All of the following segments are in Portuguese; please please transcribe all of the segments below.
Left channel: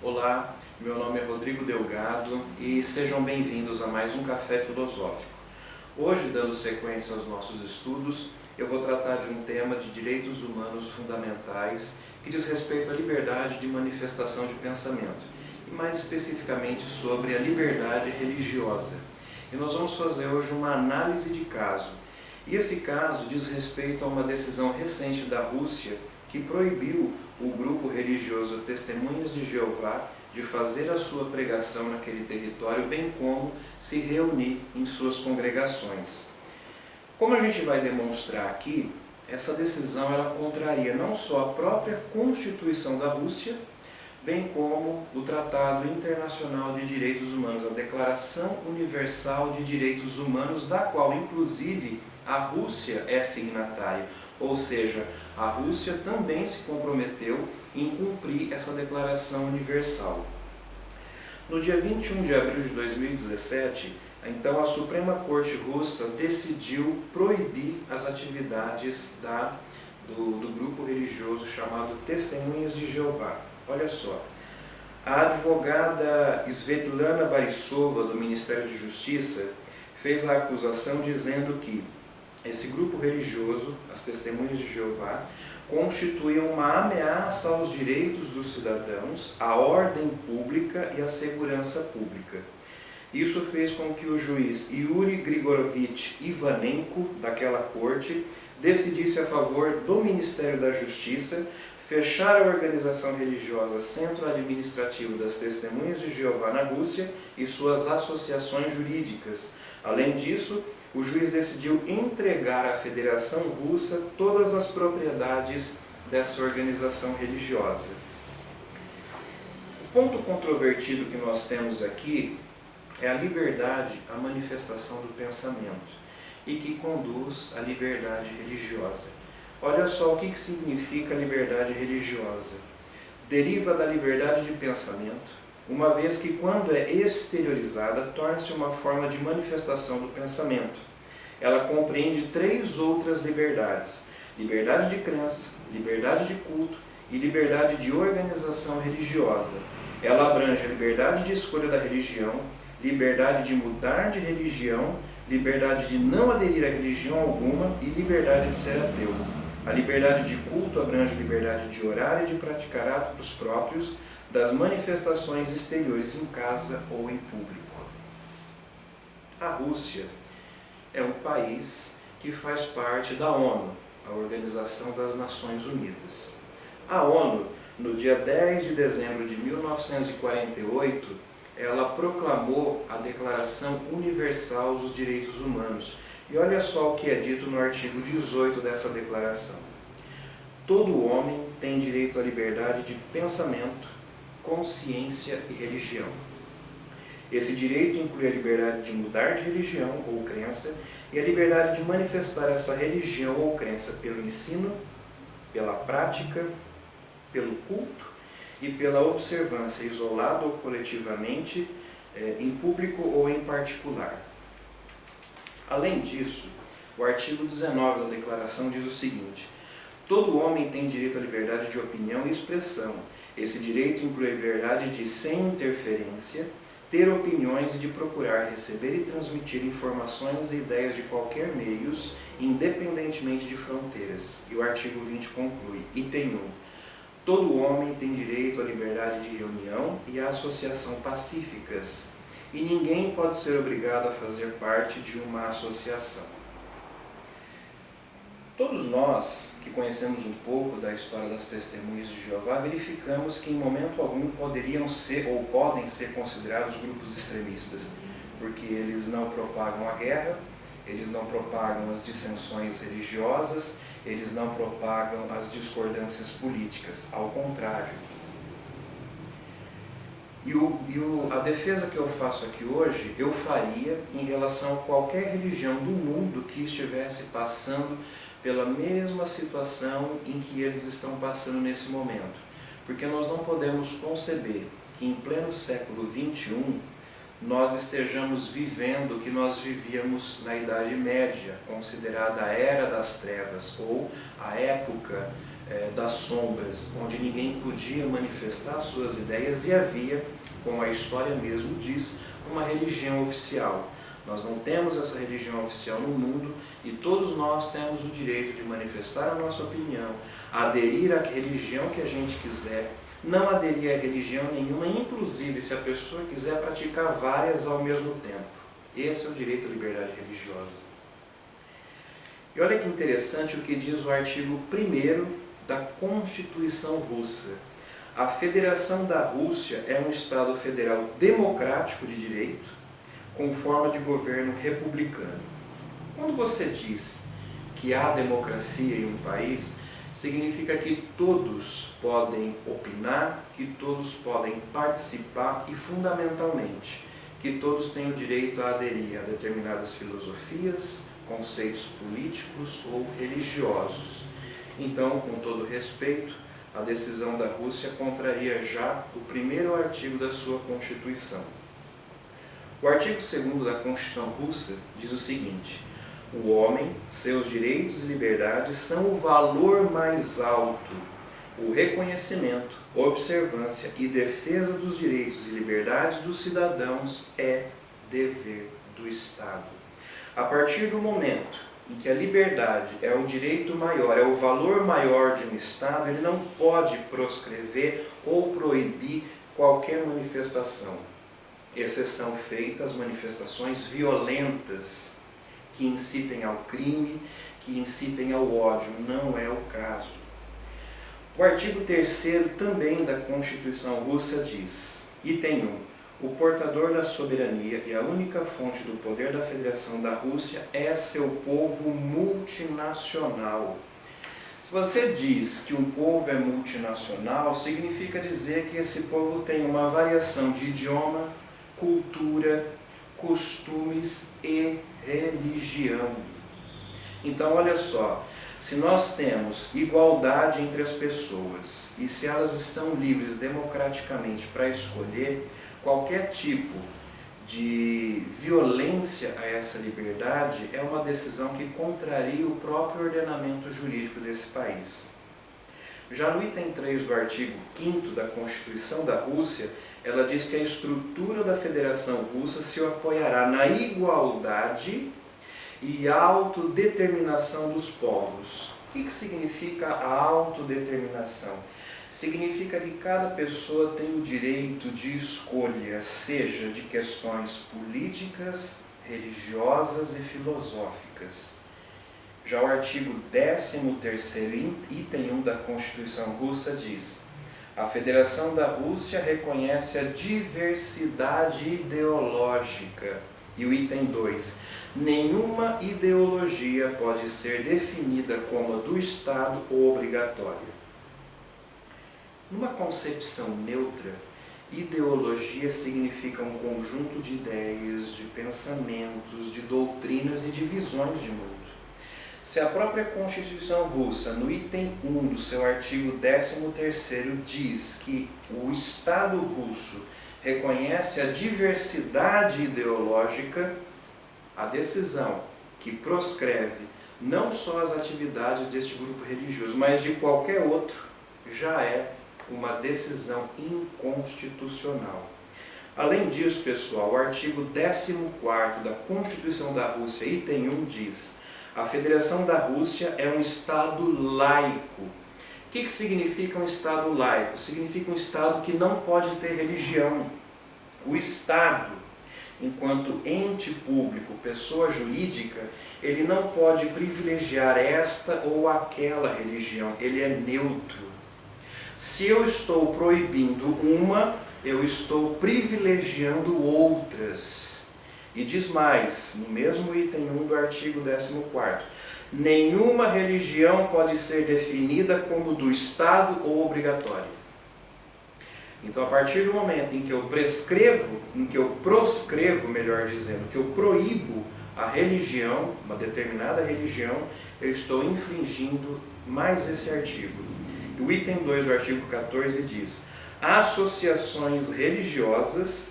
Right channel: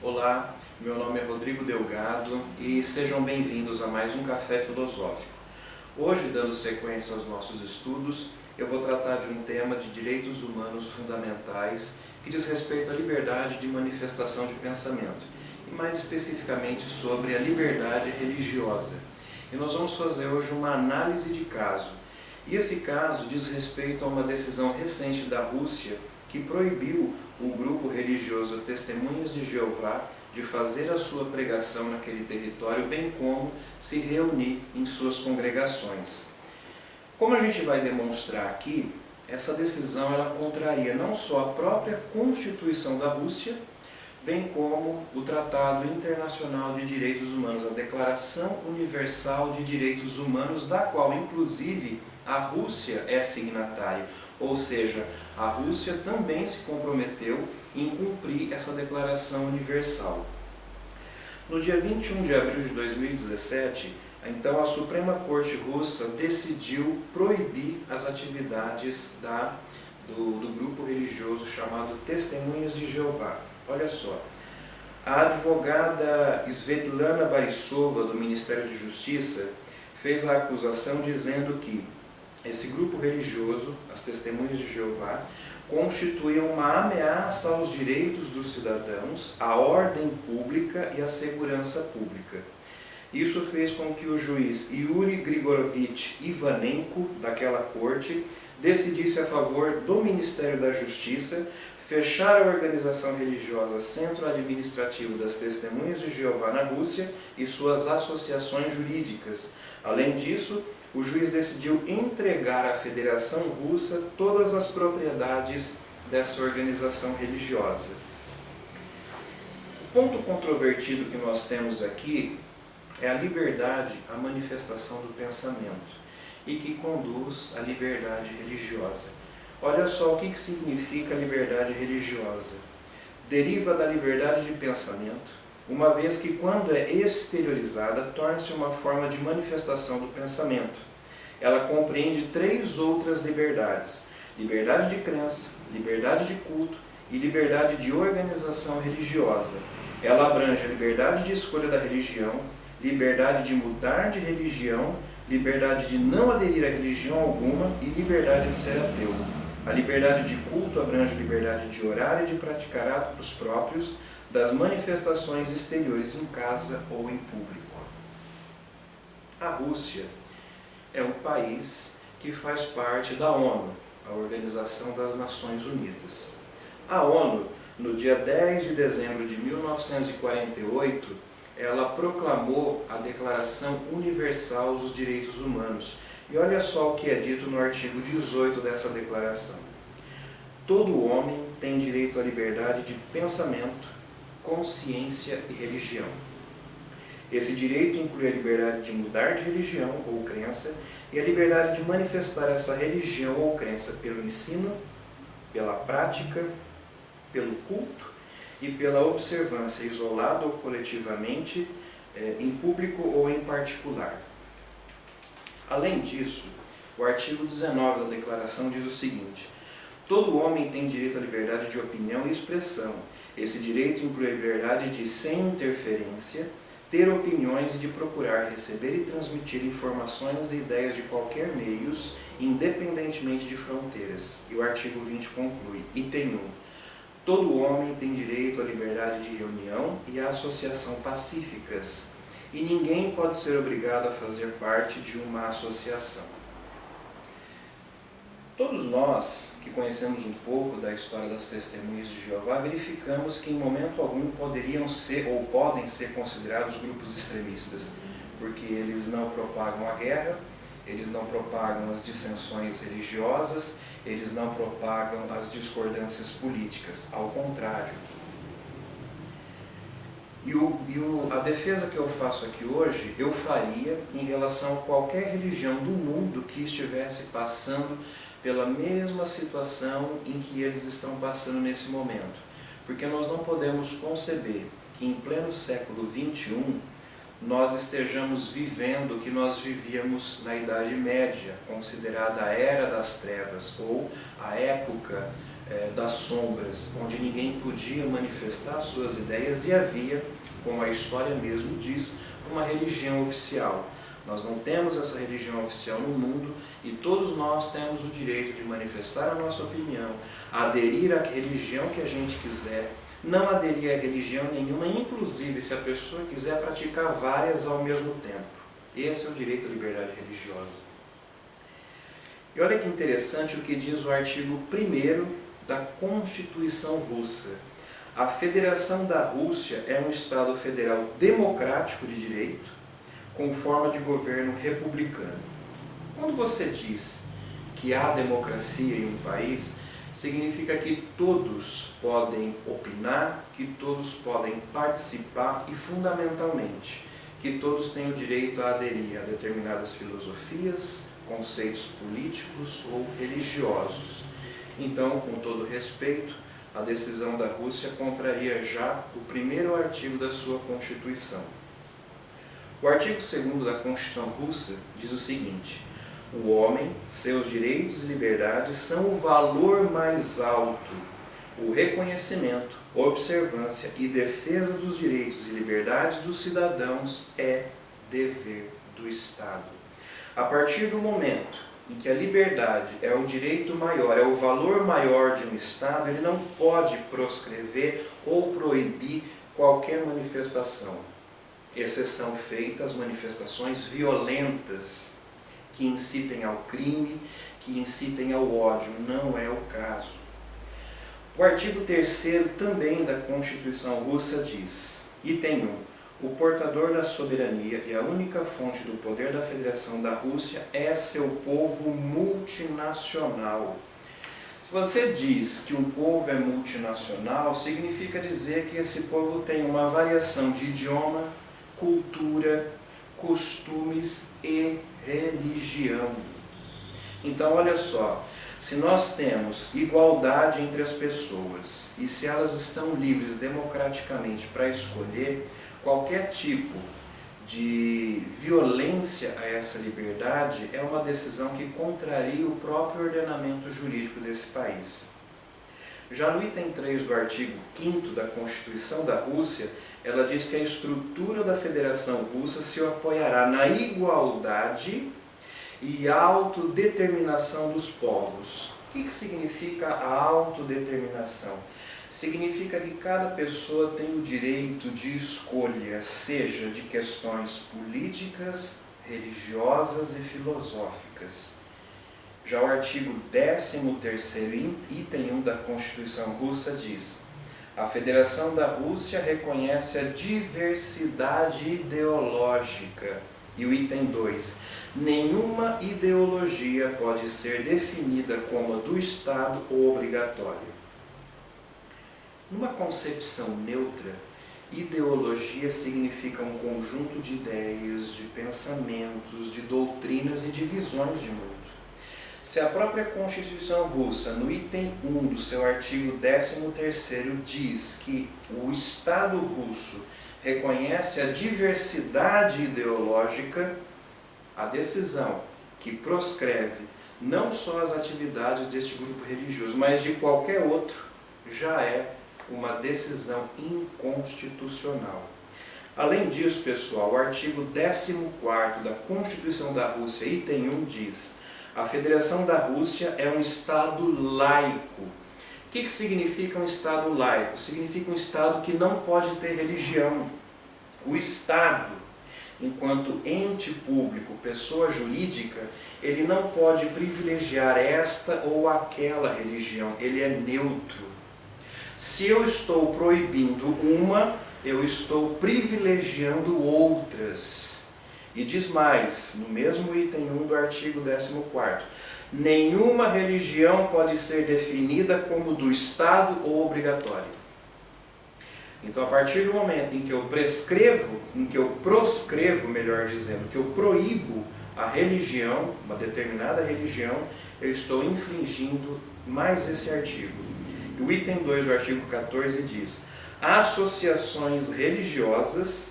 Olá, meu nome é Rodrigo Delgado e sejam bem-vindos a mais um Café Filosófico. Hoje, dando sequência aos nossos estudos, eu vou tratar de um tema de direitos humanos fundamentais que diz respeito à liberdade de manifestação de pensamento e mais especificamente sobre a liberdade religiosa. E nós vamos fazer hoje uma análise de caso. E esse caso diz respeito a uma decisão recente da Rússia que proibiu o grupo religioso Testemunhas de Jeová de fazer a sua pregação naquele território, bem como se reunir em suas congregações. Como a gente vai demonstrar aqui, essa decisão ela contraria não só a própria Constituição da Rússia, bem como o Tratado Internacional de Direitos Humanos, a Declaração Universal de Direitos Humanos, da qual, inclusive, a Rússia é signatária. Ou seja, a Rússia também se comprometeu em cumprir essa Declaração Universal. No dia 21 de abril de 2017, então a Suprema Corte Russa decidiu proibir as atividades do grupo religioso chamado Testemunhas de Jeová. Olha só, a advogada Svetlana Borisova, do Ministério de Justiça, fez a acusação dizendo que esse grupo religioso, as Testemunhas de Jeová, constituíam uma ameaça aos direitos dos cidadãos, à ordem pública e à segurança pública. Isso fez com que o juiz Yuri Grigorovich Ivanenko, daquela corte, decidisse a favor do Ministério da Justiça fechar a organização religiosa Centro Administrativo das Testemunhas de Jeová na Rússia e suas associações jurídicas. Além disso, o juiz decidiu entregar à Federação Russa todas as propriedades dessa organização religiosa. O ponto controvertido que nós temos aqui é a liberdade à manifestação do pensamento e que conduz à liberdade religiosa. Olha só o que significa liberdade religiosa. Deriva da liberdade de pensamento, uma vez que quando é exteriorizada, torna-se uma forma de manifestação do pensamento. Ela compreende três outras liberdades: liberdade de crença, liberdade de culto e liberdade de organização religiosa. Ela abrange a liberdade de escolha da religião, liberdade de mudar de religião, liberdade de não aderir a religião alguma e liberdade de ser ateu. A liberdade de culto abrange a liberdade de orar e de praticar atos próprios das manifestações exteriores em casa ou em público. A Rússia é um país que faz parte da ONU, a Organização das Nações Unidas. A ONU, no dia 10 de dezembro de 1948, ela proclamou a Declaração Universal dos Direitos Humanos. E olha só o que é dito no artigo 18 dessa declaração. Todo homem tem direito à liberdade de pensamento, consciência e religião. Esse direito inclui a liberdade de mudar de religião ou crença e a liberdade de manifestar essa religião ou crença pelo ensino, pela prática, pelo culto e pela observância, isolado ou coletivamente, em público ou em particular. Além disso, o artigo 19 da Declaração diz o seguinte: todo homem tem direito à liberdade de opinião e expressão. Esse direito inclui a liberdade de, sem interferência, ter opiniões e de procurar receber e transmitir informações e ideias de qualquer meios, independentemente de fronteiras. E o artigo 20 conclui, item 1. Todo homem tem direito à liberdade de reunião e à associação pacíficas, e ninguém pode ser obrigado a fazer parte de uma associação. Todos nós que conhecemos um pouco da história das Testemunhas de Jeová, verificamos que em momento algum poderiam ser ou podem ser considerados grupos extremistas, porque eles não propagam a guerra, eles não propagam as dissensões religiosas, eles não propagam as discordâncias políticas, ao contrário. A defesa que eu faço aqui hoje, eu faria em relação a qualquer religião do mundo que estivesse passando pela mesma situação em que eles estão passando nesse momento. Porque nós não podemos conceber que em pleno século XXI nós estejamos vivendo o que nós vivíamos na Idade Média, considerada a Era das Trevas, ou a época das sombras, onde ninguém podia manifestar suas ideias e havia, como a história mesmo diz, uma religião oficial. Nós não temos essa religião oficial no mundo e todos nós temos o direito de manifestar a nossa opinião, aderir à religião que a gente quiser, não aderir a religião nenhuma, inclusive se a pessoa quiser praticar várias ao mesmo tempo. Esse é o direito à liberdade religiosa. E olha que interessante o que diz o artigo 1º da Constituição Russa. A Federação da Rússia é um Estado federal democrático de direito, com forma de governo republicano. Quando você diz que há democracia em um país, significa que todos podem opinar, que todos podem participar e, fundamentalmente, que todos têm o direito a aderir a determinadas filosofias, conceitos políticos ou religiosos. Então, com todo respeito, a decisão da Rússia contraria já o 1º artigo da sua Constituição. O artigo 2º da Constituição Russa diz o seguinte: o homem, seus direitos e liberdades são o valor mais alto. O reconhecimento, observância e defesa dos direitos e liberdades dos cidadãos é dever do Estado. A partir do momento em que a liberdade é o direito maior, é o valor maior de um Estado, ele não pode proscrever ou proibir qualquer manifestação. Exceção feita as manifestações violentas que incitem ao crime, que incitem ao ódio. Não é o caso. O artigo 3º também da Constituição Russa diz, item 1, o portador da soberania e a única fonte do poder da Federação da Rússia é seu povo multinacional. Se você diz que um povo é multinacional, significa dizer que esse povo tem uma variação de idioma, cultura, costumes e religião. Então, olha só, se nós temos igualdade entre as pessoas e se elas estão livres democraticamente para escolher, qualquer tipo de violência a essa liberdade é uma decisão que contraria o próprio ordenamento jurídico desse país. Já no item 3 do artigo 5º da Constituição da Rússia, ela diz que a estrutura da Federação Russa se apoiará na igualdade e autodeterminação dos povos. O que significa a autodeterminação? Significa que cada pessoa tem o direito de escolha, seja de questões políticas, religiosas e filosóficas. Já o artigo 13º, item 1 da Constituição Russa diz: a Federação da Rússia reconhece a diversidade ideológica. E o item 2, nenhuma ideologia pode ser definida como a do Estado ou obrigatória. Numa concepção neutra, ideologia significa um conjunto de ideias, de pensamentos, de doutrinas e de visões de mundo. Se a própria Constituição Russa, no item 1 do seu artigo 13º, diz que o Estado russo reconhece a diversidade ideológica, a decisão que proscreve não só as atividades deste grupo religioso, mas de qualquer outro, já é uma decisão inconstitucional. Além disso, pessoal, o artigo 14º da Constituição da Rússia, item 1, diz: a Federação da Rússia é um Estado laico. O que significa um Estado laico? Significa um Estado que não pode ter religião. O Estado, enquanto ente público, pessoa jurídica, ele não pode privilegiar esta ou aquela religião. Ele é neutro. Se eu estou proibindo uma, eu estou privilegiando outras. E diz mais, no mesmo item 1 do artigo 14º, nenhuma religião pode ser definida como do Estado ou obrigatória. Então, a partir do momento em que eu proscrevo, melhor dizendo, que eu proíbo a religião, uma determinada religião, eu estou infringindo mais esse artigo. E o item 2 do artigo 14 diz: associações religiosas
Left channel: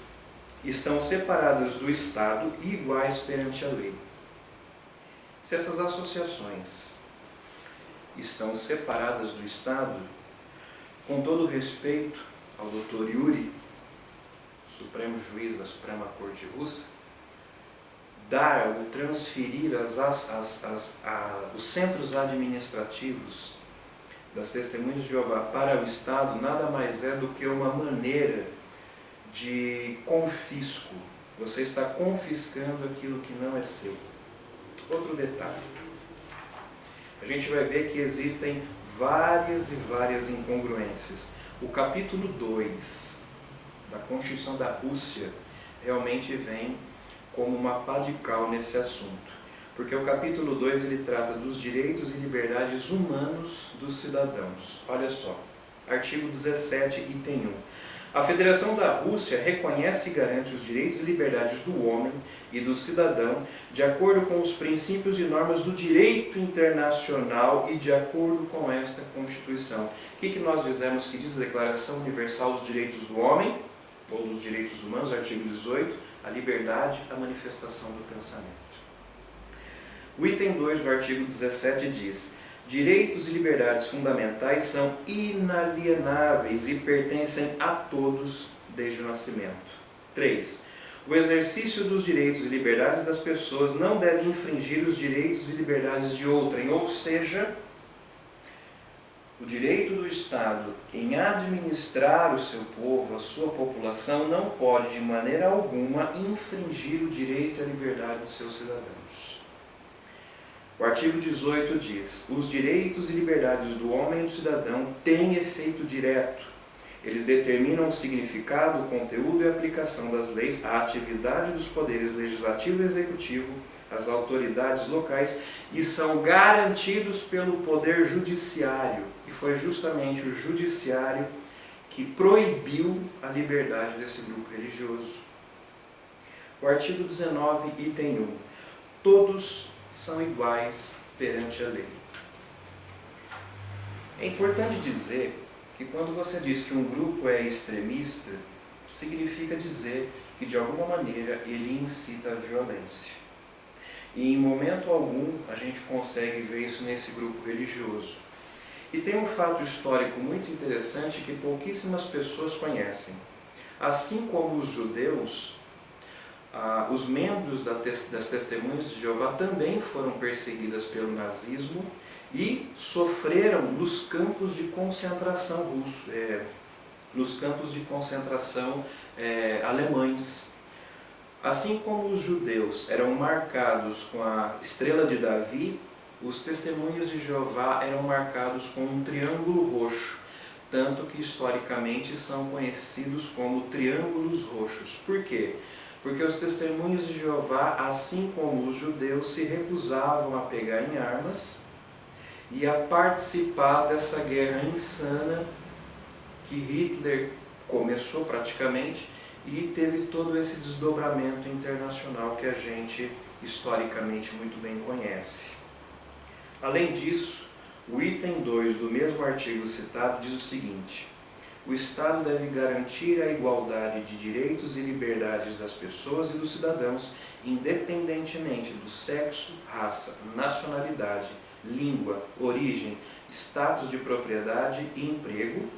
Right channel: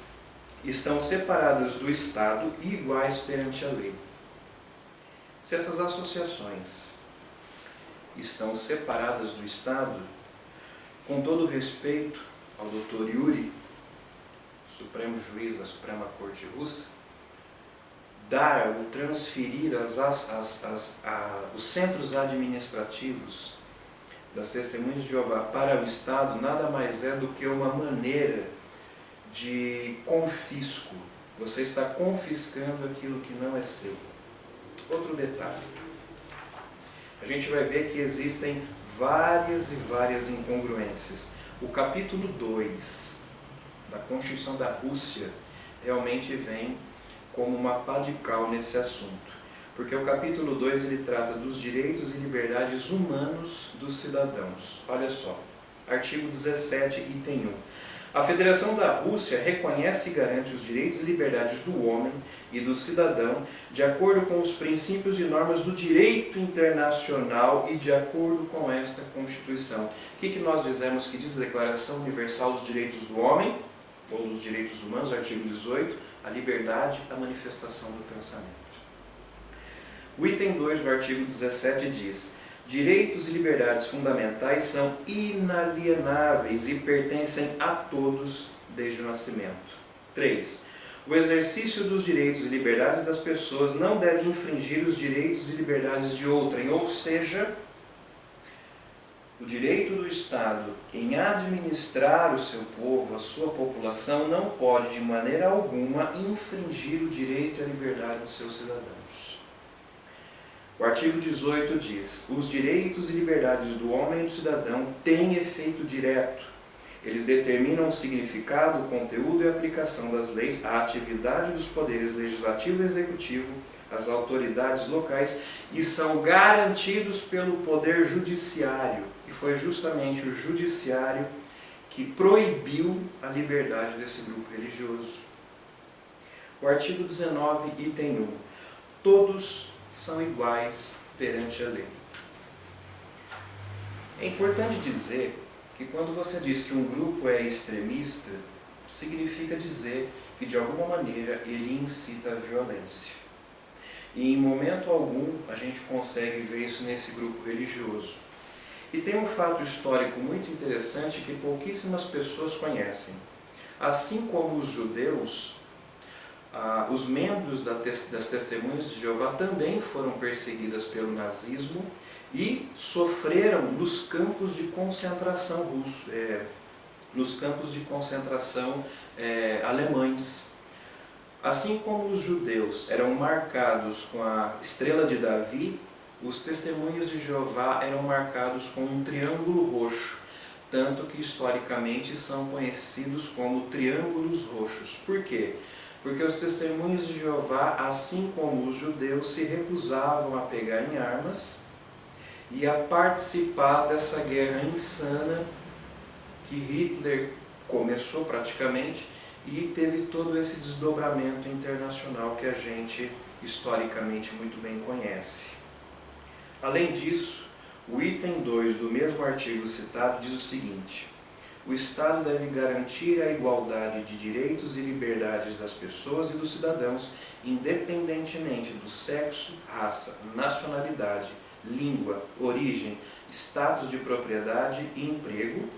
estão separadas do Estado e iguais perante a lei. Se essas associações estão separadas do Estado, com todo respeito ao Dr. Yuri, Supremo Juiz da Suprema Corte Russa, dar ou transferir os centros administrativos das Testemunhas de Jeová para o Estado nada mais é do que uma maneira de confisco. Você está confiscando aquilo que não é seu. Outro detalhe. A gente vai ver que existem várias e várias incongruências. O capítulo 2 da Constituição da Rússia realmente vem como uma pá de cal nesse assunto. Porque o capítulo 2 ele trata dos direitos e liberdades humanos dos cidadãos. Olha só, artigo 17, item 1. A Federação da Rússia reconhece e garante os direitos e liberdades do homem e do cidadão de acordo com os princípios e normas do direito internacional e de acordo com esta Constituição. O que nós dizemos que diz a Declaração Universal dos Direitos do Homem, ou dos Direitos Humanos, artigo 18, a liberdade, a manifestação do pensamento. O item 2 do artigo 17 diz: direitos e liberdades fundamentais são inalienáveis e pertencem a todos desde o nascimento. 3. O exercício dos direitos e liberdades das pessoas não deve infringir os direitos e liberdades de outrem, ou seja, o direito do Estado em administrar o seu povo, a sua população, não pode de maneira alguma infringir o direito e a liberdade de seus cidadãos. O artigo 18 diz: os direitos e liberdades do homem e do cidadão têm efeito direto. Eles determinam o significado, o conteúdo e a aplicação das leis, a atividade dos poderes legislativo e executivo, as autoridades locais, e são garantidos pelo poder judiciário. E foi justamente o judiciário que proibiu a liberdade desse grupo religioso. O artigo 19, item 1. Todos são iguais perante a lei. É importante dizer que quando você diz que um grupo é extremista, significa dizer que de alguma maneira ele incita a violência. E em momento algum a gente consegue ver isso nesse grupo religioso. E tem um fato histórico muito interessante que pouquíssimas pessoas conhecem. Assim como os judeus, os membros das Testemunhas de Jeová também foram perseguidas pelo nazismo e sofreram nos campos de concentração alemães. Assim como os judeus eram marcados com a estrela de Davi, os Testemunhas de Jeová eram marcados com um triângulo roxo, tanto que historicamente são conhecidos como triângulos roxos. Por quê? Porque os Testemunhas de Jeová, assim como os judeus, se recusavam a pegar em armas e a participar dessa guerra insana que Hitler começou praticamente e teve todo esse desdobramento internacional que a gente historicamente muito bem conhece. Além disso, o item 2 do mesmo artigo citado diz o seguinte: o Estado deve garantir a igualdade de direitos e liberdades das pessoas e dos cidadãos, independentemente do sexo, raça, nacionalidade, língua, origem, status de propriedade e emprego,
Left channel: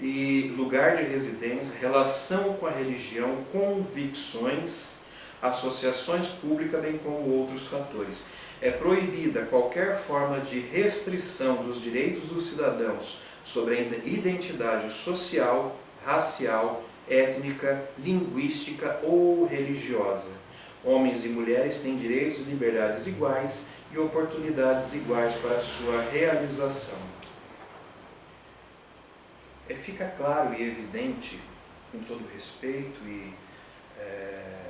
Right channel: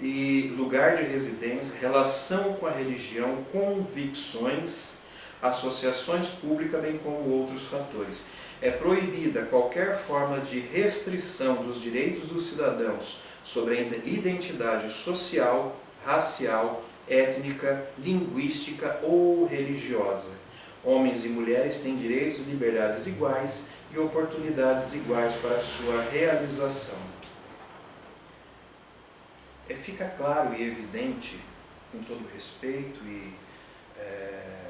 e lugar de residência, relação com a religião, convicções, associações públicas, bem como outros fatores. É proibida qualquer forma de restrição dos direitos dos cidadãos sobre a identidade social, racial, étnica, linguística ou religiosa. Homens e mulheres têm direitos e liberdades iguais e oportunidades iguais para a sua realização. Fica claro e evidente, com todo respeito e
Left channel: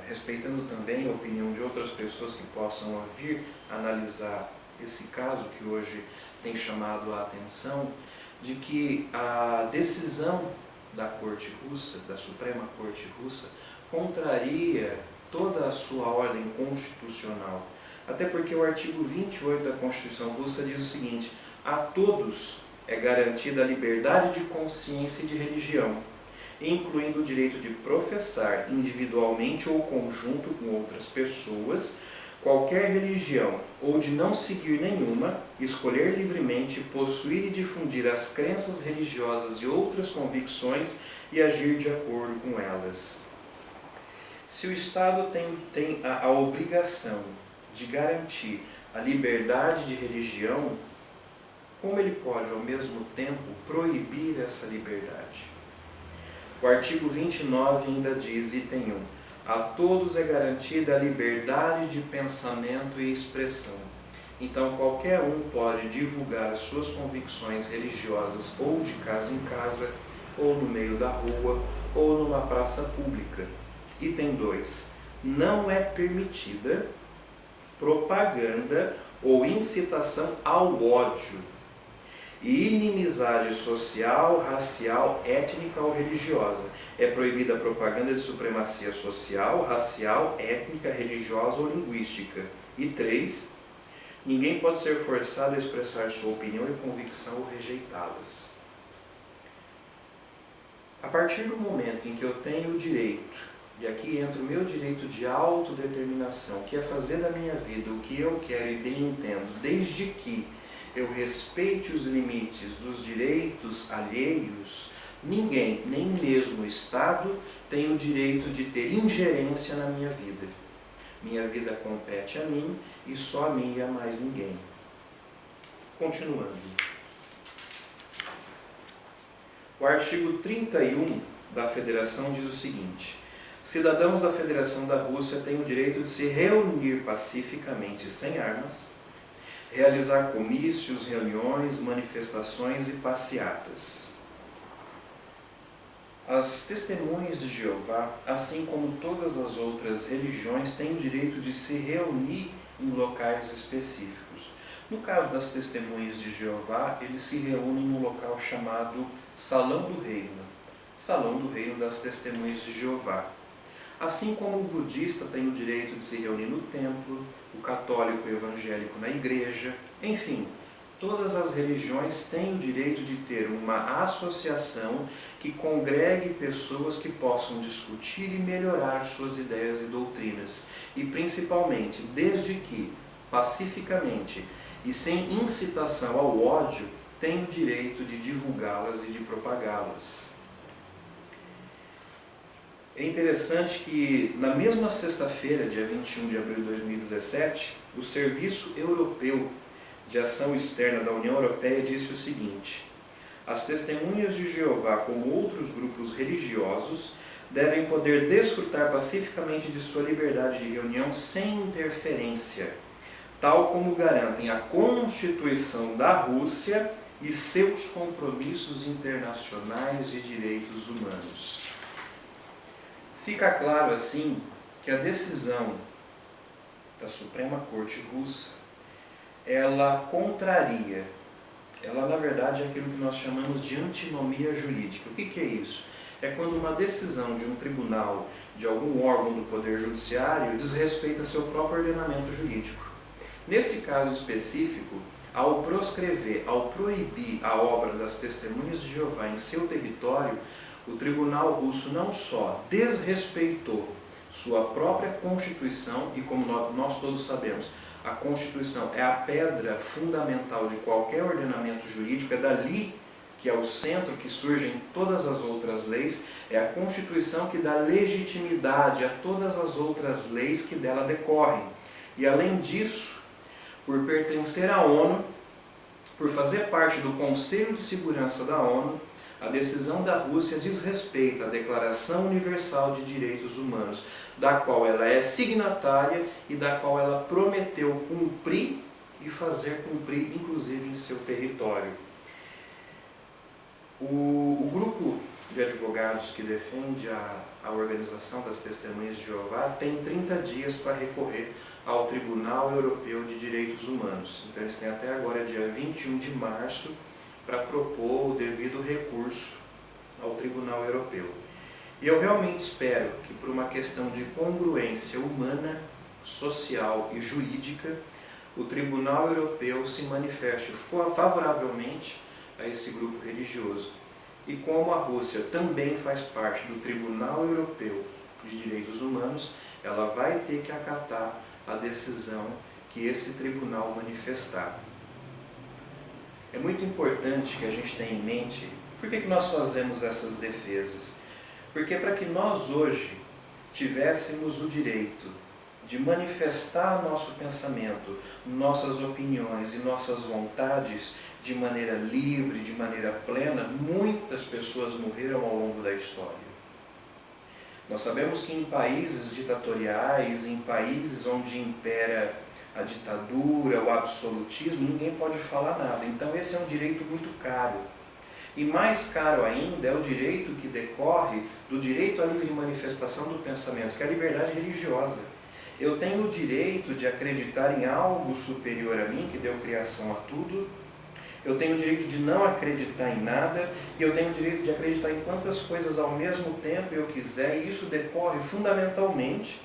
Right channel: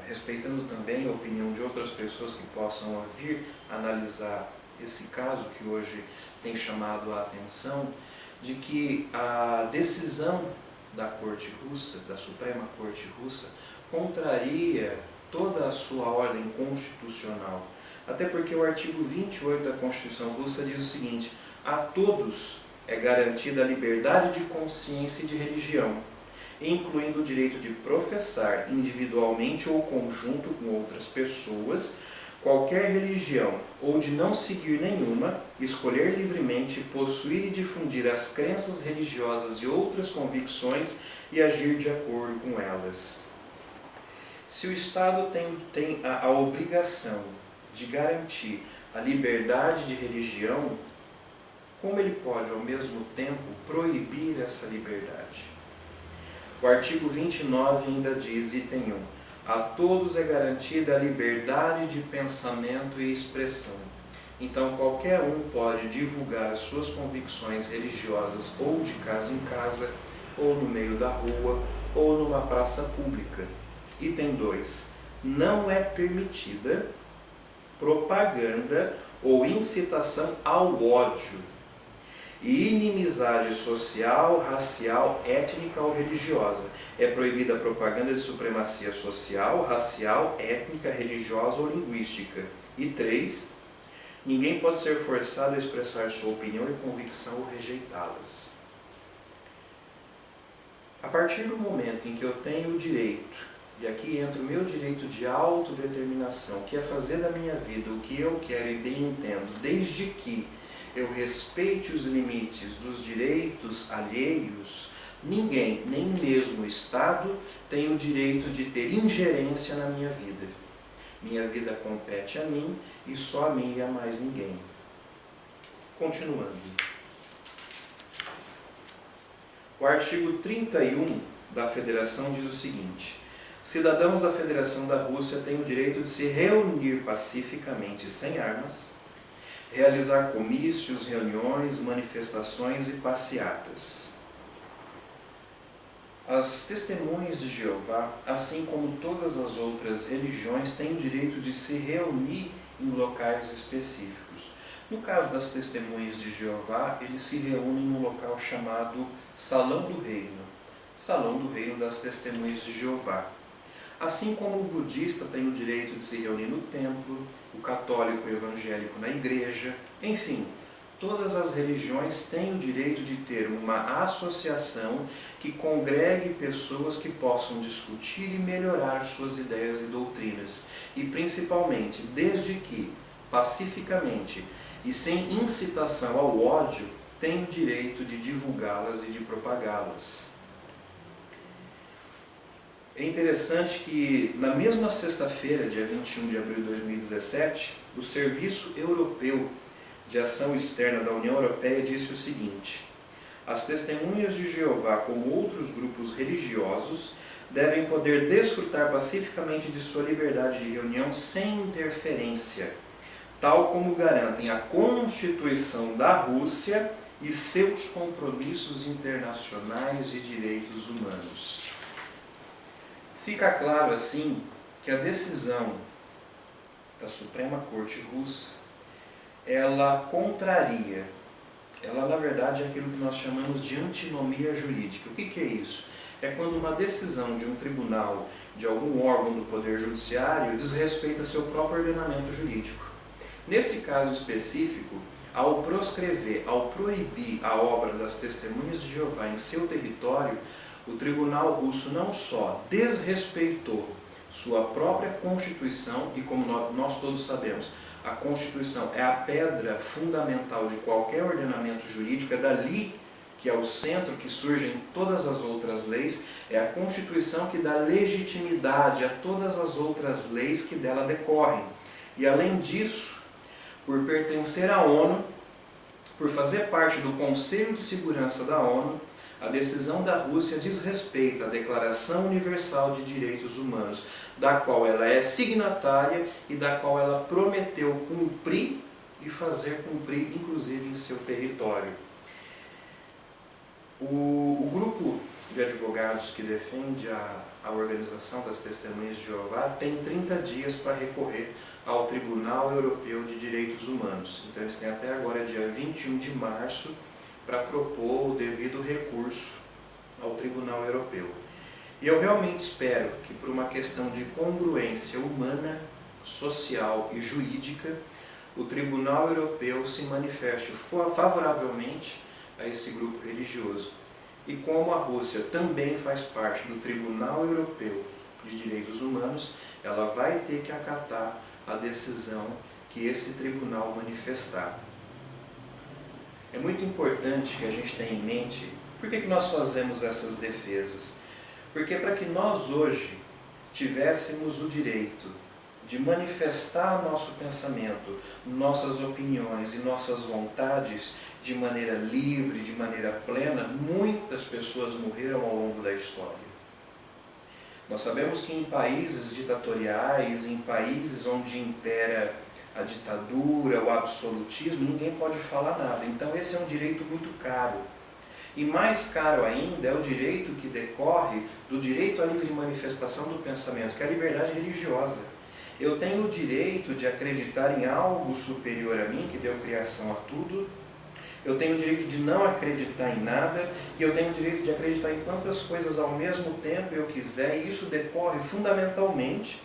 respeitando também a opinião de outras pessoas que possam vir analisar esse caso que hoje tem chamado a atenção, de que a decisão da Corte Russa, da Suprema Corte Russa, contraria toda a sua ordem constitucional. Até porque o artigo 28 da Constituição Russa diz o seguinte: a todos é garantida a liberdade de consciência e de religião, incluindo o direito de professar individualmente ou conjunto com outras pessoas qualquer religião ou de não seguir nenhuma, escolher livremente, possuir e difundir as crenças religiosas e outras convicções e agir de acordo com elas. Se o Estado tem a obrigação de garantir a liberdade de religião, como ele pode, ao mesmo tempo, proibir essa liberdade? O artigo 29 ainda diz, item 1, a todos é garantida a liberdade de pensamento e expressão. Então, qualquer um pode divulgar as suas convicções religiosas ou de casa em casa, ou no meio da rua, ou numa praça pública. Item 2, não é permitida propaganda ou incitação ao ódio e inimizade social, racial, étnica ou religiosa. É proibida a propaganda de supremacia social, racial, étnica, religiosa ou linguística. E 3, ninguém pode ser forçado a expressar sua opinião e convicção ou rejeitá-las. A partir do momento em que eu tenho o direito, e aqui entra o meu direito de autodeterminação, que é fazer da minha vida o que eu quero e bem entendo, desde que eu respeite os limites dos direitos alheios, ninguém, nem mesmo o Estado, tem o direito de ter ingerência na minha vida. Minha vida compete a mim e só a mim e a mais ninguém. Continuando. O artigo 31 da Federação diz o seguinte: cidadãos da Federação da Rússia têm o direito de se reunir pacificamente sem armas, realizar comícios, reuniões, manifestações e passeatas. As testemunhas de Jeová, assim como todas as outras religiões, têm o direito de se reunir em locais específicos. No caso das testemunhas de Jeová, eles se reúnem num local chamado Salão do Reino. Salão do Reino das Testemunhas de Jeová. Assim como o budista tem o direito de se reunir no templo, o católico e o evangélico na igreja, enfim, todas as religiões têm o direito de ter uma associação que congregue pessoas que possam discutir e melhorar suas ideias e doutrinas, e principalmente, desde que, pacificamente e sem incitação ao ódio, têm o direito de divulgá-las e de propagá-las. É interessante que, na mesma sexta-feira, dia 21 de abril de 2017, o Serviço Europeu de Ação Externa da União Europeia disse o seguinte: as testemunhas de Jeová, como outros grupos religiosos, devem poder desfrutar pacificamente de sua liberdade de reunião sem interferência, tal como garantem a Constituição da Rússia e seus compromissos internacionais de direitos humanos. Fica claro, assim, que a decisão da Suprema Corte Russa, ela contraria, ela na verdade é aquilo que nós chamamos de antinomia jurídica. O que é isso? É quando uma decisão de um tribunal, de algum órgão do Poder Judiciário, desrespeita seu próprio ordenamento jurídico. Nesse caso específico, ao proscrever, ao proibir a obra das Testemunhas de Jeová em seu território, o tribunal russo não só desrespeitou sua própria Constituição, e como nós todos sabemos, a Constituição é a pedra fundamental de qualquer ordenamento jurídico, é dali que é o centro que surgem todas as outras leis, é a Constituição que dá legitimidade a todas as outras leis que dela decorrem. E além disso, por pertencer à ONU, por fazer parte do Conselho de Segurança da ONU, a decisão da Rússia diz respeito à Declaração Universal de Direitos Humanos, da qual ela é signatária e da qual ela prometeu cumprir e fazer cumprir, inclusive em seu território. O grupo de advogados que defende a organização das Testemunhas de Jeová tem 30 dias para recorrer ao Tribunal Europeu de Direitos Humanos. Então eles têm até agora, dia 21 de março, para propor o devido recurso ao Tribunal Europeu. E eu realmente espero que, por uma questão de congruência humana, social e jurídica, o Tribunal Europeu se manifeste favoravelmente a esse grupo religioso. E como a Rússia também faz parte do Tribunal Europeu de Direitos Humanos, ela vai ter que acatar a decisão que esse tribunal manifestar. É muito importante que a gente tenha em mente por que nós fazemos essas defesas. Porque para que nós hoje tivéssemos o direito de manifestar nosso pensamento, nossas opiniões e nossas vontades de maneira livre, de maneira plena, muitas pessoas morreram ao longo da história. Nós sabemos que em países ditatoriais, em países onde impera a ditadura, o absolutismo, ninguém pode falar nada. Então esse é um direito muito caro. E mais caro ainda é o direito que decorre do direito à livre manifestação do pensamento, que é a liberdade religiosa. Eu tenho o direito de acreditar em algo superior a mim, que deu criação a tudo. Eu tenho o direito de não acreditar em nada. E eu tenho o direito de acreditar em quantas coisas ao mesmo tempo eu quiser. E isso decorre fundamentalmente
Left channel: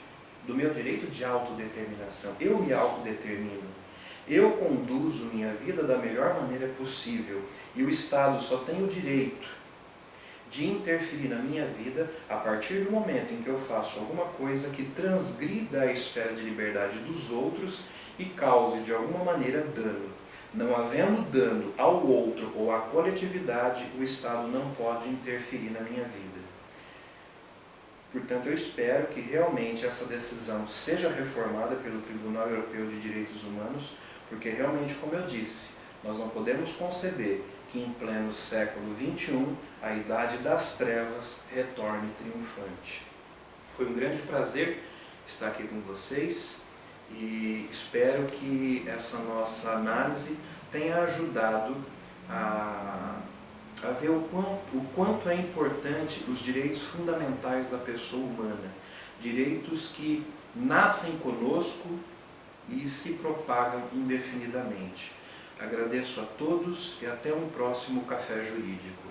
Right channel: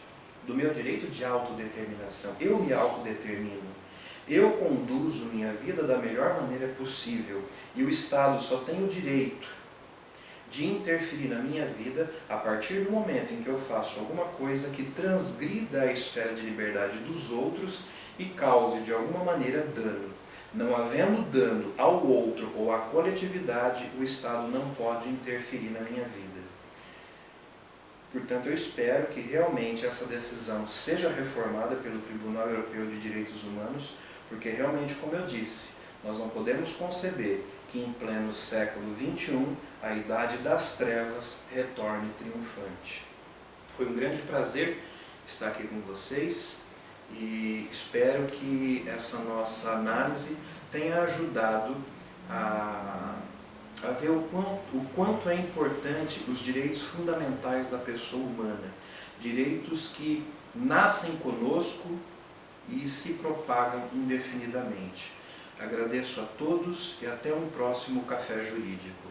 do meu direito de autodeterminação. Eu me autodetermino. Eu conduzo minha vida da melhor maneira possível. E o Estado só tem o direito de interferir na minha vida a partir do momento em que eu faço alguma coisa que transgrida a esfera de liberdade dos outros e cause de alguma maneira dano. Não havendo dano ao outro ou à coletividade, o Estado não pode interferir na minha vida. Portanto, eu espero que realmente essa decisão seja reformada pelo Tribunal Europeu de Direitos Humanos, porque realmente, como eu disse, nós não podemos conceber que em pleno século XXI a idade das trevas retorne triunfante. Foi um grande prazer estar aqui com vocês e espero que essa nossa análise tenha ajudado a ver o quanto é importante os direitos fundamentais da pessoa humana, direitos que nascem conosco e se propagam indefinidamente. Agradeço a todos e até um próximo Café Jurídico.